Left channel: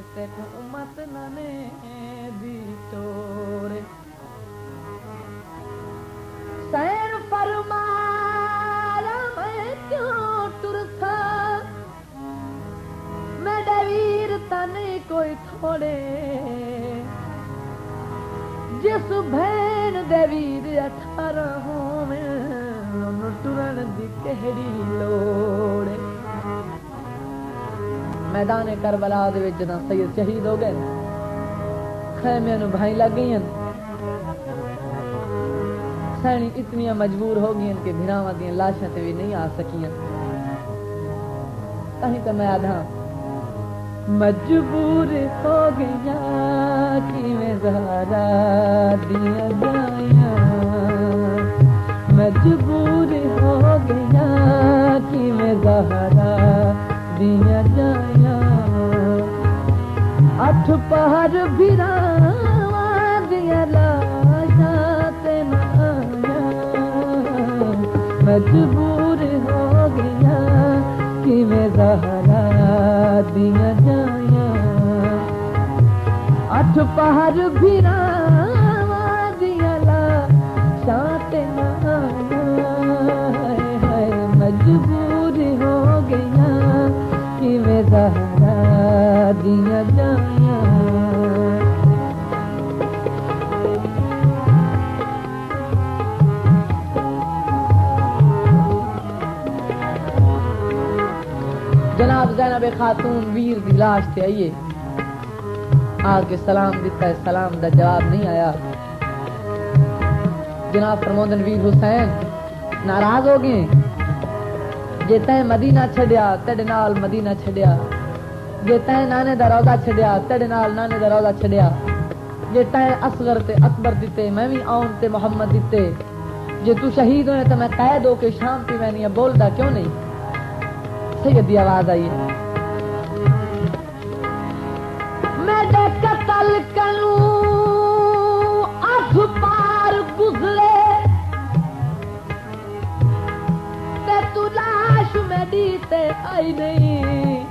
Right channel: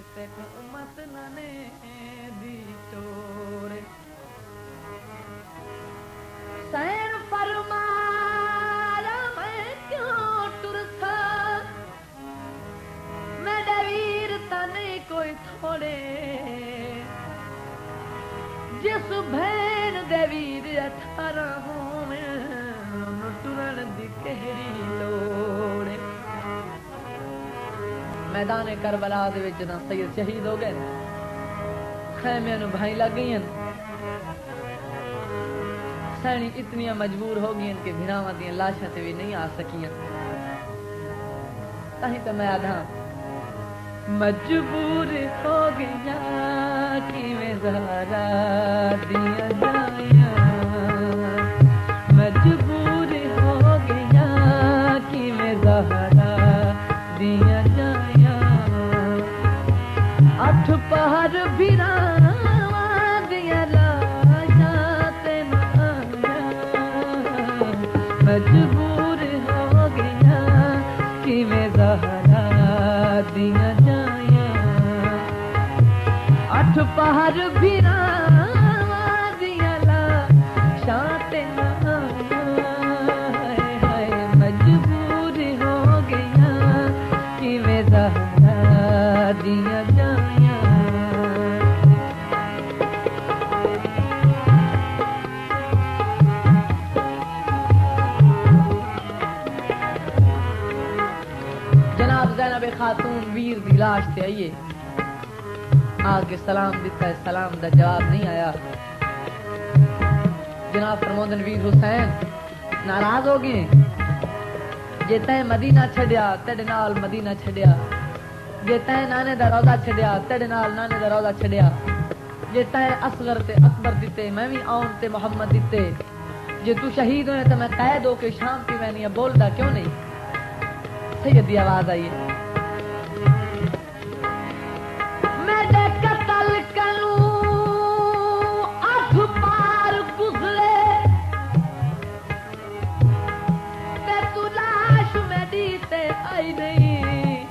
ते को उम्मत नने दी तोड़ सैन फरमाया मैं क्यों टुरसा मेरे वीर तने कोई थोड़े जिस भैन दे वीर 18 होवे उन्हें टुरन दी केहड़ी लोड़ मैदान करबला दे विच जदां सैयद शहीद हो गए खैमे नूं भाई लग गई सैनी इतनियां मजबूर हो गई कि भिरावां दी लाशां ते भी नहीं आ सकियां ताही तो मैं आधा मजबूर हो गया किवें ज़हरा दिया जाया मजबूर हो गया किवें ज़हरा दिया जाया अठ पहर भिरावां दिया लाशां ते ना मजबूर हो गया किवें ज़हरा दिया जाया अठ पहर भिरावां दिया लाशां ते ना हाय मजबूर हो गया किवें ज़हरा दिया जाया जनाब खातून वीर दी लाश से आइए आके सलाम दिता है सलाम दा जवाब नहीं आया जनाब फरमांदन वीर हुसैन नाराज हो गए जे तैं मदीना छड़िया तेरे नाल मदीना छड़िया जे तैं नाने दा रौदा छड़िया तेरे नाल नाने दा रौदा छड़िया जे तैं असगर ते अकबर दिते मैं भी आउन ते मोहम्मद दिते जे तू शहीद होए तो मैं कैद हो के शाम की मैंने बोलदा क्यों नहीं सैयद दी आवाज आई मेरे कत्ल करूं अठ पार गुजरे ते तू लाश मेरी ते आई नहीं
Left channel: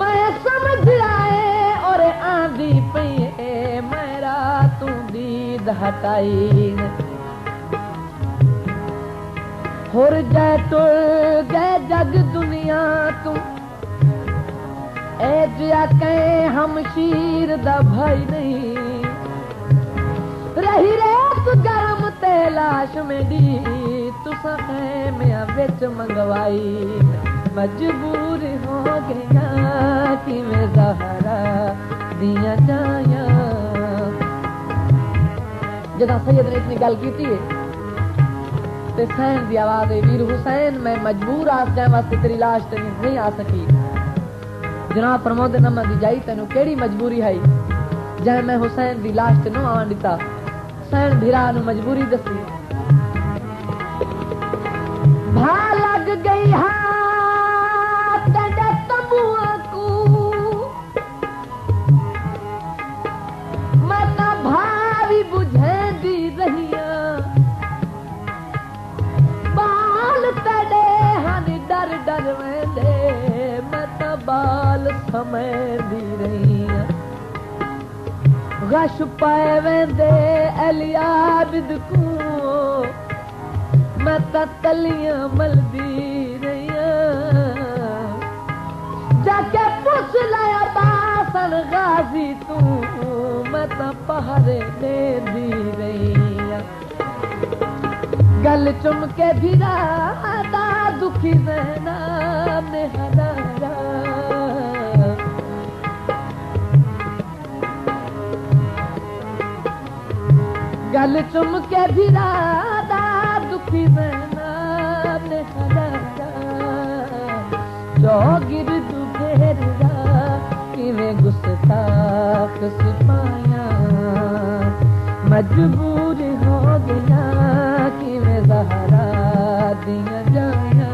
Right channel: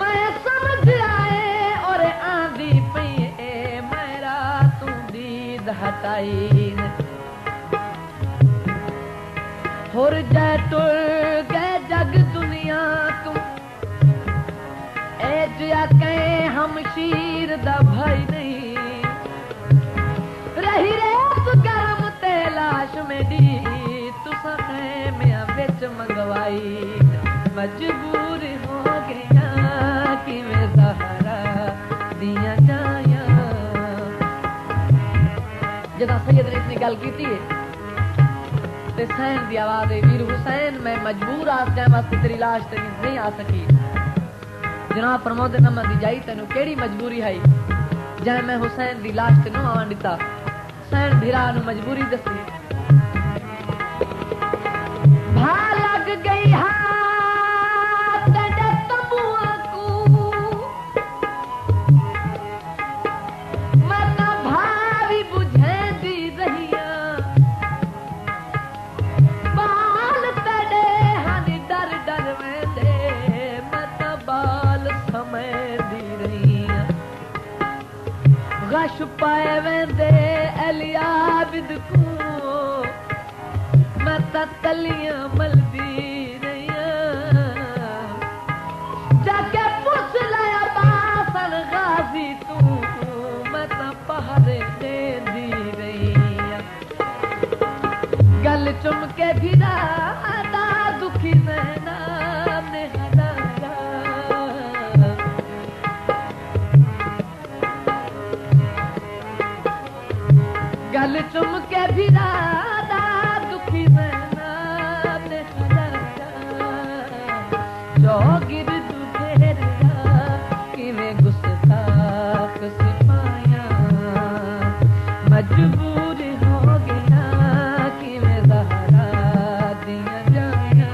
मैं समझ आए और आंधी पई मेरा तू दीद हटाई होर जै तुर गए जग दुनिया तू ए जिया कहे हम शीर दा भाई नहीं रही रेत गर्म ते लाश मेरी तुसा मैं विच मंगवाई मजबूर हो गया किवें ज़हरा दिया जाया जदा सैयद ने इतनी गल की ते सैन दी आवाज है वीर हुसैन मैं मजबूर आ जाए वास्ते तेरी लाश ते नहीं आ सकी जनाब प्रमोद नमन दी जाई तेनू केड़ी मजबूरी है जाए मैं हुसैन दी लाश ते नु आवन दिता सैन भिरा नु मजबूरी दसी भा लग गई हाथ तेरे तंबुआ को मैं तो भावी बुझे दी रही गश पाए वेंदे अलियाबिद को मैं तलियां मलदी नहीं जाके पूछ लिया बासन गाजी तू मैं पहरे दे दी रही गल चुम के भिरा दुखी रहना नेहरा गल चुम के भिरा दुखी रहना नेहरा चौगिर दुधेरा किवें गुस्ताख सिपाया मजबूर हो गया किवें ज़हरा दिया जाया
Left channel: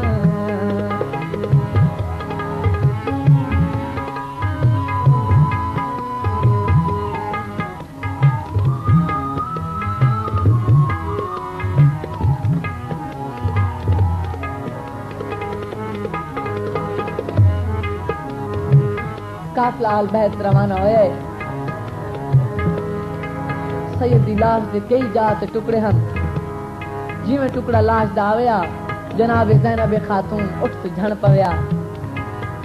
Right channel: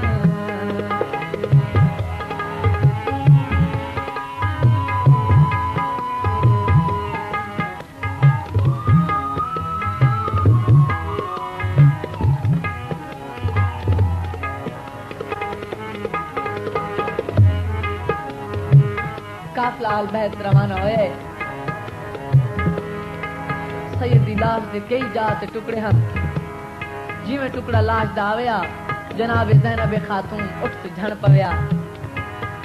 काफिला अल बैत रवाना होया सैयद दी लाश दे कई जात टुकड़े हन जिवें टुकड़ा लाश दा आया जनाब ज़ैनब खातून उठ के झण पवया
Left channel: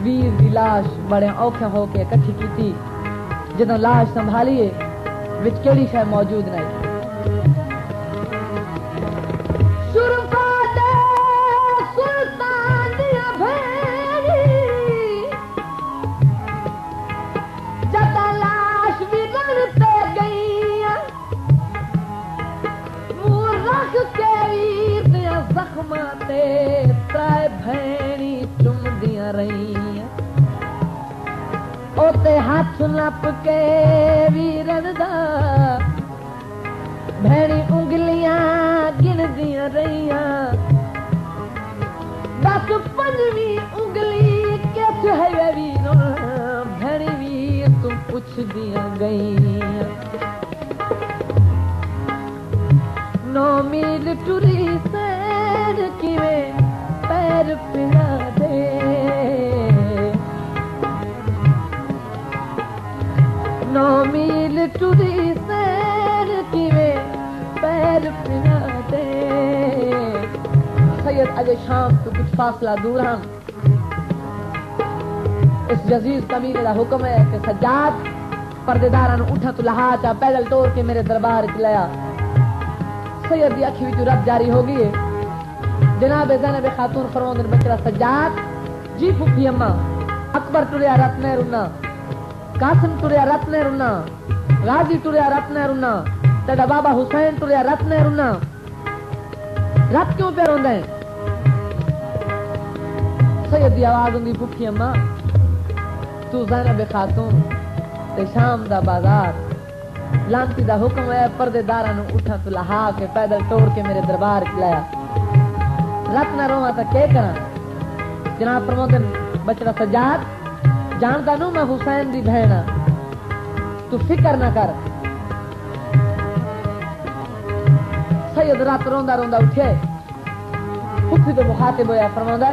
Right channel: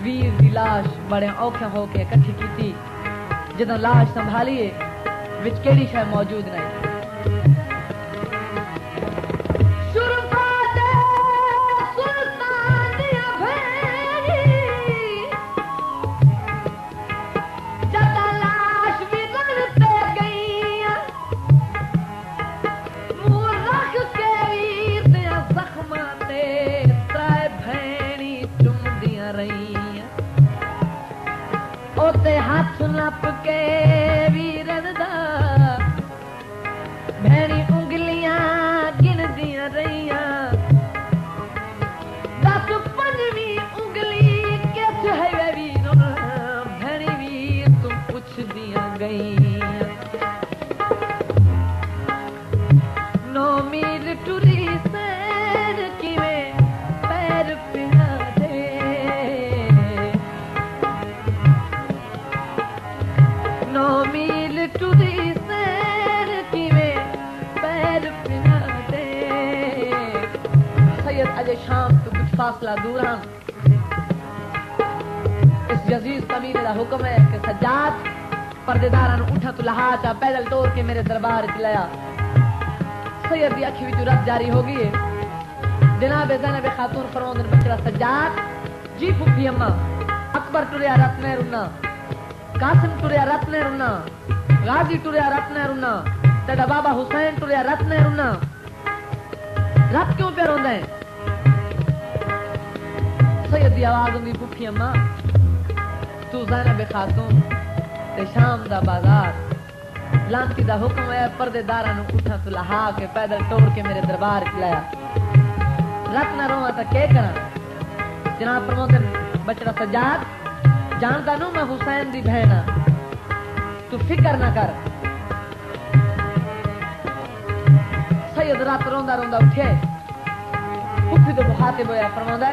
वीर दी लाश बड़े औखे होके इकट्ठी कीती जदों लाश संभालीए विच केड़ी शय मौजूद नहीं हाथ नप के वीरन दा भैनी उंगलियां गिन दिया रहिया दस पंजवी उंगली कैसे है वीर भैनी वीर तुम पुछ दिया गई 9 मील टुरी सैर किवें पैर पिना दे 9 मील टुरी सैर किवें पैर पिना दे सैयद अजय शाम को कुछ फासला दूर हम इस यजीद कमीने का हुक्म है कि सज्जाद पर्देदार उठा तो लहाता पैदल तोड़ के मेरे दरबार च लाया सैयद की अखी विच रब जारी हो गई है जनाब ज़ैनब खातून फरमांदे बकरा सज्जाद जी फुफी अम्मा अकबर तुरिया रत ने रुना कासिम तुरिया रत ने रुना गाजी तुरिया रत ने रुना तेरा बाबा हुसैन तुरिया रत ने रुना रत क्यों पे रोंदा है सैयद दी आवाज हुंदी फुफी अम्मा तू ज़ैनब खातून ते शाम दा बाजार लांती दा हुक्म है पर्देदारा नु उठा तो लहा के पैदल तोड़ के मेरे दरबार च लाया रत ना रोवा तो के करा जनाब फरमांदे बचड़ा सज्जाद जानता नू मैं हुसैन दी बहन तू फिक्र ना कर सैयद रात रोंदा रोंदा उठे फुफी तो मुखातिब होया फरमांदा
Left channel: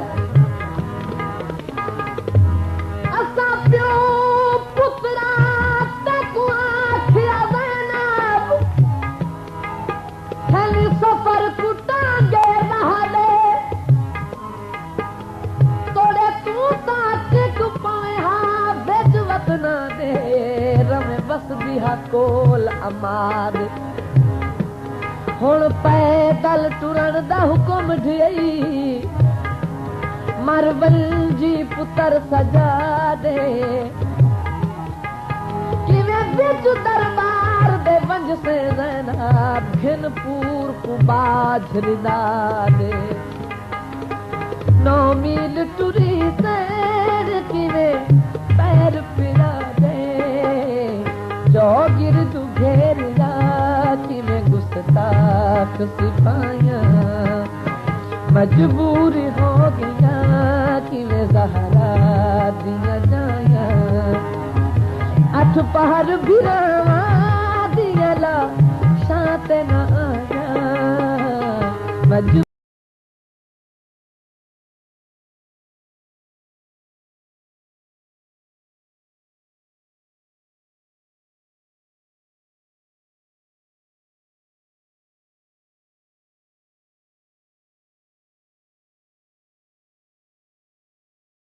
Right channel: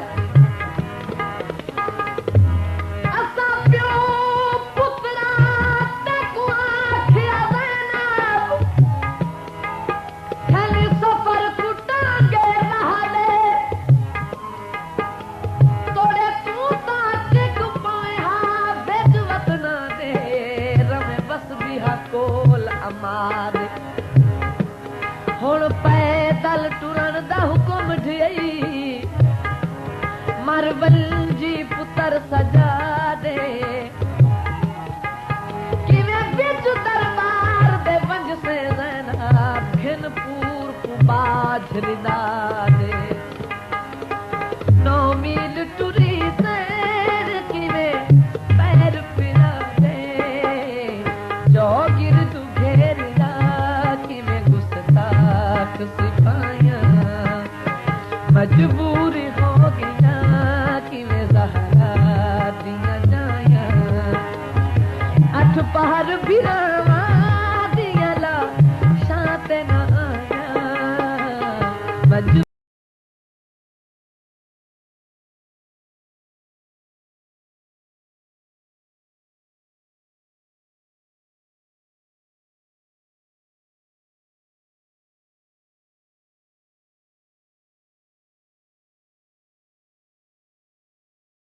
हुण पैदल टुरन दा हुक्म ढई मरवल जी पुत्र सजा दे किवें बिच दरबार दे वंज से ज़ैनब घिनपुर को बाझ रिदा दे 9 मील टुरी सैर किवें पैर पिरा दे चौगिर तू घेर सिपाहियां मजबूर हो गया कि मैं ज़हरा दिया जाया 8 पहर बिरावा दिया ला शांत न आया